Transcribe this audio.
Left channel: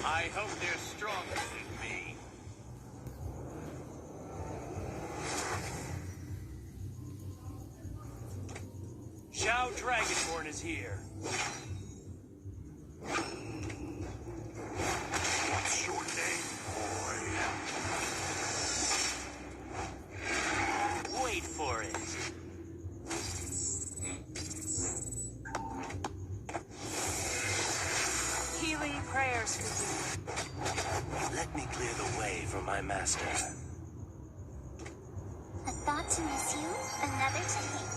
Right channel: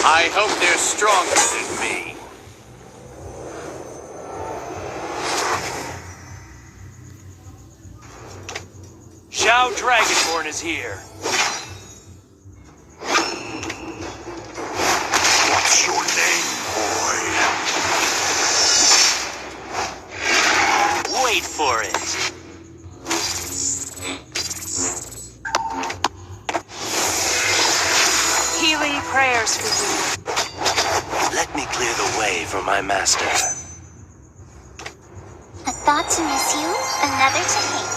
I hope they're stronger than me. Zhao Dragonborn is here. What's your name, boy? Wait for it. Healing prayers for you. Let me clear the way for my master. A thought to miss you, another to hate.